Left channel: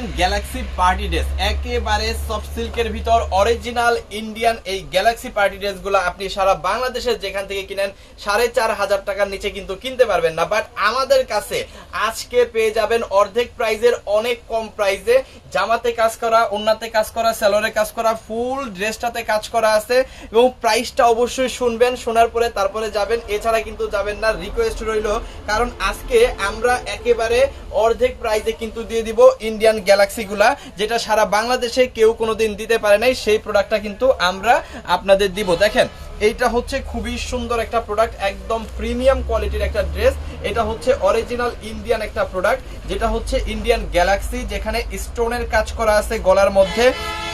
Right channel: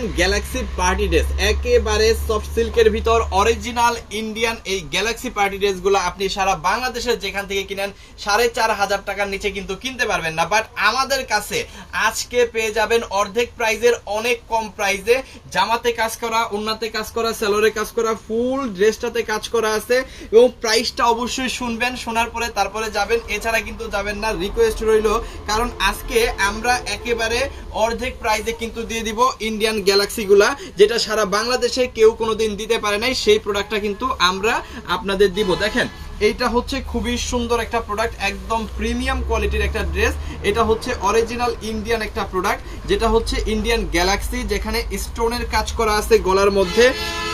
Indian galaxy party dress একেবারে soft সিল্কের ভিতর অরিজিনাল ইন্ডিয়ান এই গ্যালাক্সি পার্টি ড্রেসগুলো আপনি সারা বাংলাদেশের যেখান থেকে কিনেন, সাড়ে চার হাজার টাকার নিচে কিন্তু কিনতে পারবেন না। বাট আমাদের কাছে আজকে পেয়ে যাবেন অর্ধেক প্রাইজের অনেক কম প্রাইজে জামাতে কাজ করা ওন্নাতে কাজ করা সেলরে কাজ করা ফুল ড্রেসটাতে কাজ করা আছে। এবং প্রাইসটা অবশ্যই শুনবেন, শোনার পরে তারপরে যাবেন। এছাড়া কিন্তু যাবেন না রিকোয়েস্ট রইল। কারণ আজকে আমরা একেবারে অর্ধেক প্রাইজে কিন্তু দিয়ে দিব ইন্ডিয়ান গ্যালাক্সি গুলা, যেটা সারা বাংলাদেশে কেউ কোনোদিন দিতে পারে নাই, সেই প্রোডাক্টটা কিন্তু আমরা আপনাদের দিব। দেখেন, এইটা হচ্ছে খুবই সুন্দর একটা প্রোডাক্ট একদম প্রিমিয়াম কোয়ালিটির একটা ড্রেস এটা হচ্ছে অরিজিনাল ইন্ডিয়ান একটা প্রোডাক্ট যেটা হচ্ছে ইন্ডিয়ান গ্যালাক্সি যেখানে স্টোনের কাজ করা আছে গলার মধ্যে।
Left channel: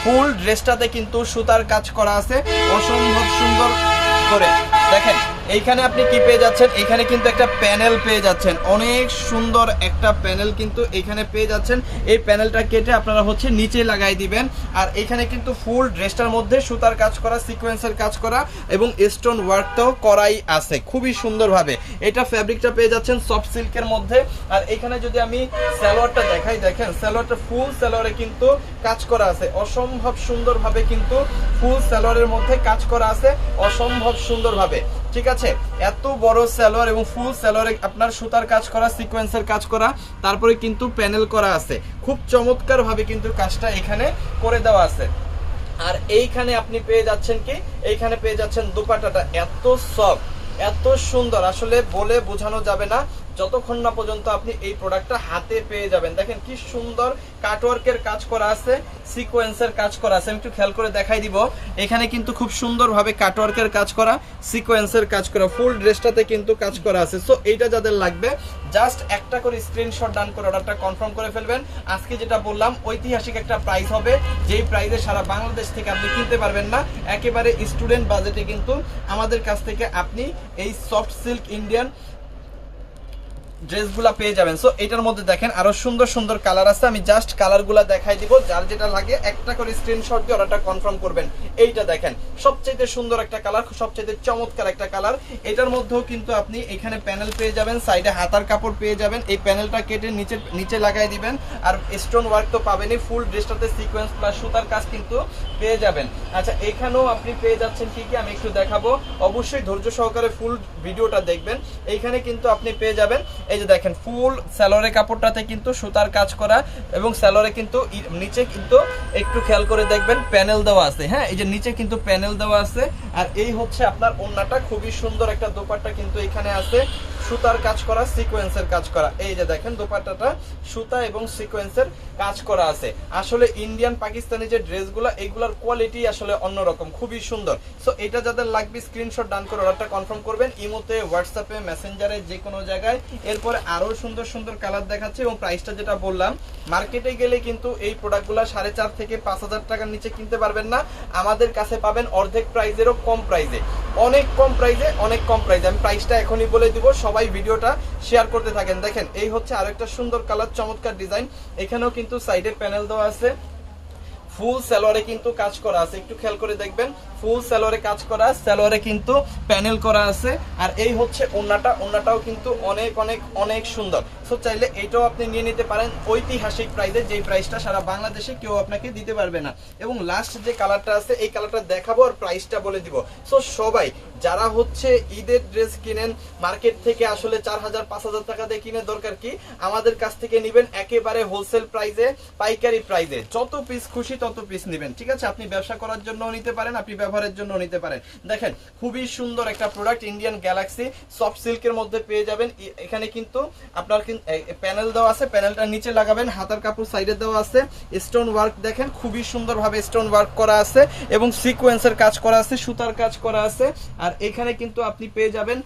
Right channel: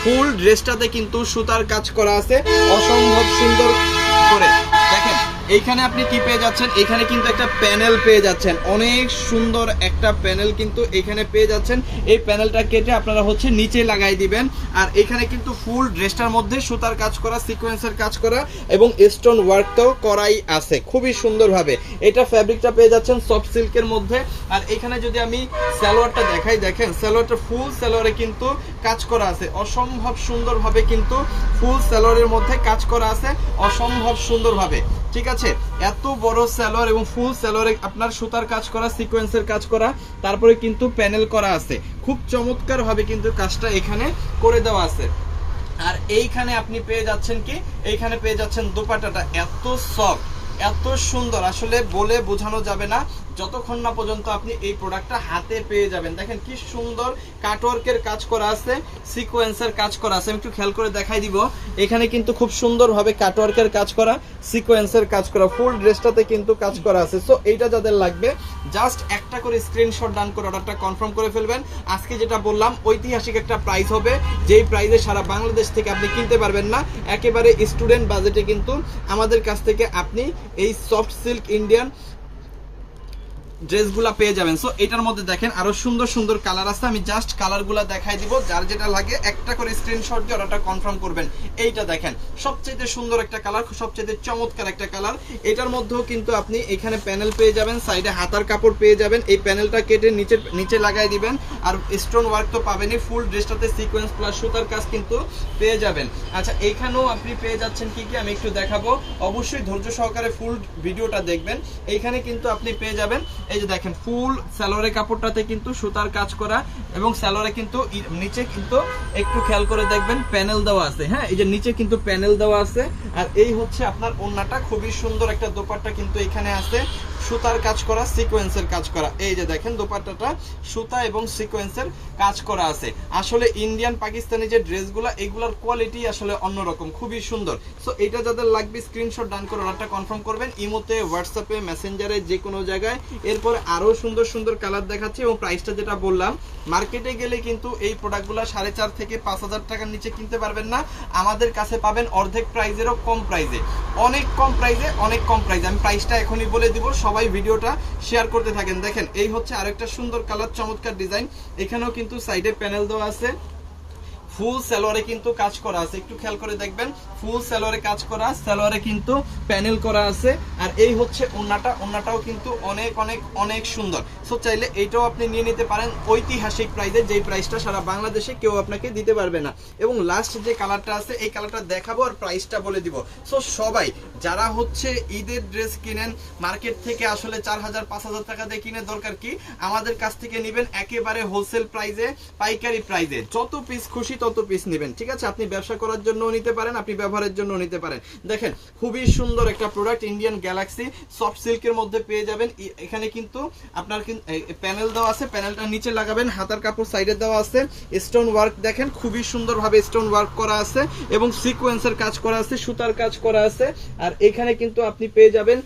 ফুল ড্রেসটাতে কিন্তু সুতার কাজ করা আছে। অসম্ভব সুন্দর করে। দেখেন এইখানে আপনি কি পেয়ে যাচ্ছেন? এখানে কিন্তু একটা প্যানেল পেয়ে যাচ্ছেন। অনেক সুন্দর একটা প্যানেল কিন্তু এখানে পেয়ে যাচ্ছেন। এই প্যানেলটা কেটে আপনারা হচ্ছে নিচে লাগাই দিবেন। আর এখানে কিন্তু ফুল ড্রেসটার মধ্যে সুতার কাজ করা, সিকোয়েন্সের কাজ করা এবং স্টোন ওয়ার্ক তো করাই আছে খুবই সুন্দরভাবে। এটা ফ্যাব্রিকটা পেয়ে যাচ্ছেন সফট সিল্কের মধ্যে। আর এখানে যদি আমি সালোয়ারটা দেখাই, দেখেন সালোয়ারটা ফুল সালোয়ারে কিন্তু কাজ করা আছে। অসম্ভব সুন্দরভাবে কিন্তু ফুল সালোয়ারের মধ্যে কাজ করা আছে। অসম্ভব সুন্দরভাবে। ঠিক আছে? এত বড় স্যালোয়ার এবং ফুল স্যালোয়ারে আপনার সুতার কাজ করা সিকোয়েন্সের কাজ করা, তারপরে কিন্তু প্যানেল করা আছে। খুব চমৎকারভাবে কিন্তু কাজটা এখানে করে দেওয়া আছে। আর এইখানে আপনি পেয়ে যাচ্ছেন কি? এইখানে পেয়ে যাচ্ছেন দুপাটাটা। এত সফট এত সুন্দর। আসলে বলে বোঝানো যাবে না। যতক্ষণ না পর্যন্ত আপনি এই প্রোডাক্টটা হাতে পেয়ে যাবেন। দেখেন কি সুন্দর কাটওয়ার্কের কাজ করা আছে সিকোয়েন্সের কাজ করা আছে। আমি একটু খেয়াল করে দেখাই দিব। এখানে কিন্তু খুব সুন্দরভাবে কাটওয়ার্কের কাজ করা সিকোয়েন্সের কাজ করা ফুল ড্রেসটাতে কিন্তু কাজ করা আছে। সো এইটা যাদের লাগবে জাস্ট একটা করে স্ক্রিনশট ডান করে অর্ডারটা কনফার্ম করে ফেলবেন। আজকে যেটা বললাম, ঐতিহাসিক একটা প্রাইস হবে। যেই প্রাইসে সারা বাংলাদেশ থেকে আপনি কিনতে পারবেন না, একেবারে স্টুডেন্ট বাজেটে কিন্তু আমাদের কাছ থেকে আপনি এই সফট সিল্ক ইন্ডিয়ান ড্রেসগুলা পেয়ে যাবেন। সো এটার মধ্যে দেখেন আরও সুন্দর সুন্দর কালার আছে। আমি জাস্ট কালারগুলা দেখাই দিব। যার যেটা লাগে একটা করে স্ক্রিনশট দিয়ে অর্ডারটা কনফার্ম করবেন। এইটা দেখেন, সবচাইতে সুন্দর একটা কালার, সবচাইতে চমৎকার একটা কালার। এটার মধ্যেও কিন্তু আপনি এখানে প্যানেল পেয়ে যাবেন সাইডে হাতার কাপড় পেয়ে যাবেন। এই প্যানেলটা কেটে নিচে নিচে লাগাই দিবেন। আর স্টোন ওয়ার্ক তো পাবেনই ফুল ড্রেসটাতে সিকোয়েন্স প্লাস সুতার কাজ কিন্তু পেয়ে যাবেন। আচ্ছা এখানেও আপনি পেয়ে যাচ্ছেন কি কি আমি একটু দেখাবো। অবশ্যই ধৈর্য সহকারে ফুল ভিডিওটা দেখবেন। এইখানে কিন্তু আপনি পেয়ে যাবেন এই যে দেখেন, ফুল স্যালোরে কাপড়টাতে কিন্তু সুতার কাজ করা এবং স্যালোরে কিন্তু নিচে কিন্তু একটু খেয়াল করে দেখবেন প্যানেল দেওয়া আছে। হ্যাঁ এই যে নিচে কিন্তু প্যানেল দেওয়া আছে। আর এই হচ্ছে আপনার ওন্নাটা, খুবই সুন্দর একটা দোপাট্টা কিন্তু এখানে আছে। সুতার কাজ করা সিকোয়েন্সের কাজ করা। এই যে দেখেন, দোপাট্টাটা সুতা এবং সিকোয়েন্সের কাজ করা আছে। আসলে ইন্ডিয়ান পাকিস্তানি যে ড্রেসগুলো এইগুলোর কোয়ালিটি আসলে অন্যরকম, খুবই সুন্দর। সো এটা যাদের লাগবে স্ক্রিনশট ডান করে অর্ডারটা কনফার্ম করবেন। ইমোতে হোয়াটসঅ্যাপে মেসেঞ্জারে যে কোনো জায়গায়। এরপরে আরও সুন্দর সুন্দর কালার দেখাচ্ছি এবং প্রাইসটা যেটা বললাম মার্কেটে গেলে কিন্তু এই প্রোডাক্টগুলো সাড়ে চার থেকে পাঁচ হাজার টাকার নিচে কিনতে পারবেন না। আমাদের কাছে পাবেন অর্ধেক প্রাইজেরও কম প্রাইজে অনেক কম প্রাইজে অনেক কম প্রাইজে আমি প্রাইসটা এখনই বলে দিব সবাই ভিডিওটা শেয়ার করতে থাকেন। দেখেন, এই হচ্ছে আরেকটা সুন্দর কালার চমৎকার ডিজাইন এখানেও কিন্তু সাইডে প্যানেল দেওয়া আছে। ফুল সালোয়ারে কিন্তু কাজ করা আছে। একটু খেয়াল করে দেখবেন ফুল সালোয়ারে কাজ করা সালোয়ারে কিন্তু প্যানেল করা আছে। আর এই হচ্ছে ওন্নাটা ওন্নাটাও কিন্তু অনেক অনেক অনেক সুন্দর। সো চাইলে এইটাও আপনি নিয়ে নিতে পারেন ঐতিহাসিক প্রাইজে যে প্রাইসটা সারা বাংলাদেশে কেউ আপনাকে দিতে পারবে না। এবং লাস্ট যে কালারটা আছে, এই কালারটা দেখাবো আর প্রাইসটা বলে দিব। সো সবাই, যারা হচ্ছে ঈদের ড্রেস কিনেন মার্কেট থেকে আসলে চার হাজার, পাঁচ হাজার টাকা দিয়ে কিনে, দরকার কি? আমাদের কাছ থেকে নিবেন একেবারে হোলসেল প্রাইজে পাইকারি প্রাইজে যত পিস খুশি তত পিস নেবেন? ঠিক আছে, আপনি ব্যবসা করার জন্য নিতে পারেন, আপনি ব্যবহারের জন্য নিতে পারেন। দেখেন, খুবই সুন্দর একটা প্রোডাক্ট ইন্ডিয়ান গ্যালাক্সি সফট সিল্কের মধ্যে পেয়ে যাবেন। এখানে কিন্তু আপনার প্যানেল দেওয়া আছে প্যানেলটা নিচে লাগাবেন, হাতার কাপড় সাইডে দেওয়া আছে। স্টোন ওয়ার্ক দেখেন, খুবই সুন্দরভাবে স্টোন ওয়ার্ক করা আছে এবং সিকোয়েন্সের কাজ করা আছে, সুতার কাজ করা আছে। আর এখানে কিন্তু আপনি পেয়ে যাবেন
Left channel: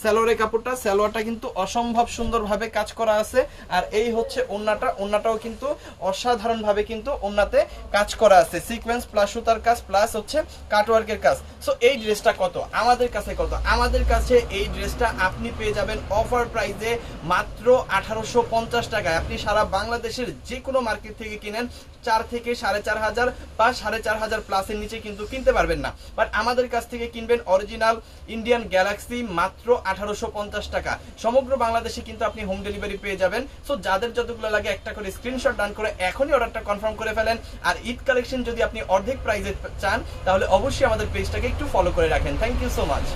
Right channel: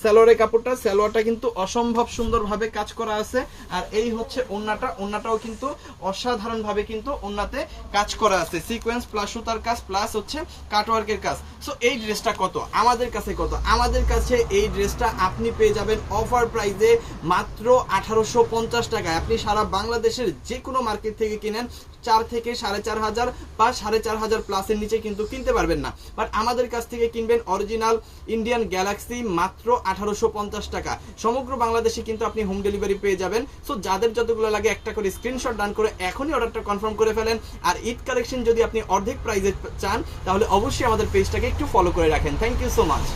স্যালোরে কাপড়টা। স্যালোয়ারটা কিন্তু অসম্ভব সুন্দরভাবে কাজ করা আছে। আর এই হচ্ছে ওন্নাটা। ওন্নাটাও কিন্তু অসাধারণভাবে কিন্তু ওন্নাতে কাজ করা আছে। সিকোয়েন্স প্লাস সুতার কাজ প্লাস হচ্ছে কাটওয়ার্কের কাজ। সো এই ড্রেসটা কত? আমাদের কাছে কত? আমাদের কাছে এই ড্রেসটা আপনি পেয়ে যাবেন অফার প্রাইসে মাত্র আঠারোশো পঞ্চাশ টাকায়। আপনি সারা বাংলাদেশের যে কোনো মার্কেট থেকে কিনেন চার থেকে সাড়ে চার হাজার বা সাড়ে চার হাজার প্লাসের নিচে কিন্তু কিনতে পারবেন না। বাট আমাদের কাছ থেকে কিনবেন অরিজিনাল ইন্ডিয়ান গ্যালাক্সি মাত্র আঠারোশো পঞ্চাশ টাকা। সমগ্র বাংলাদেশে কিন্তু আপনি হোম ডেলিভারি পেয়ে যাবেন। সো যাদের যতগুলো লাগে একটা করে স্ক্রিনশট ডান করে এখনই অর্ডারটা কনফার্ম করে ফেলেন। আর ঈদ কালেকশন যদি আপনি অর্ধেক প্রাইজে চান, তাহলে অবশ্যই আমাদের পেজটাকে একটু ফলো করে রাখেন। Thank you so much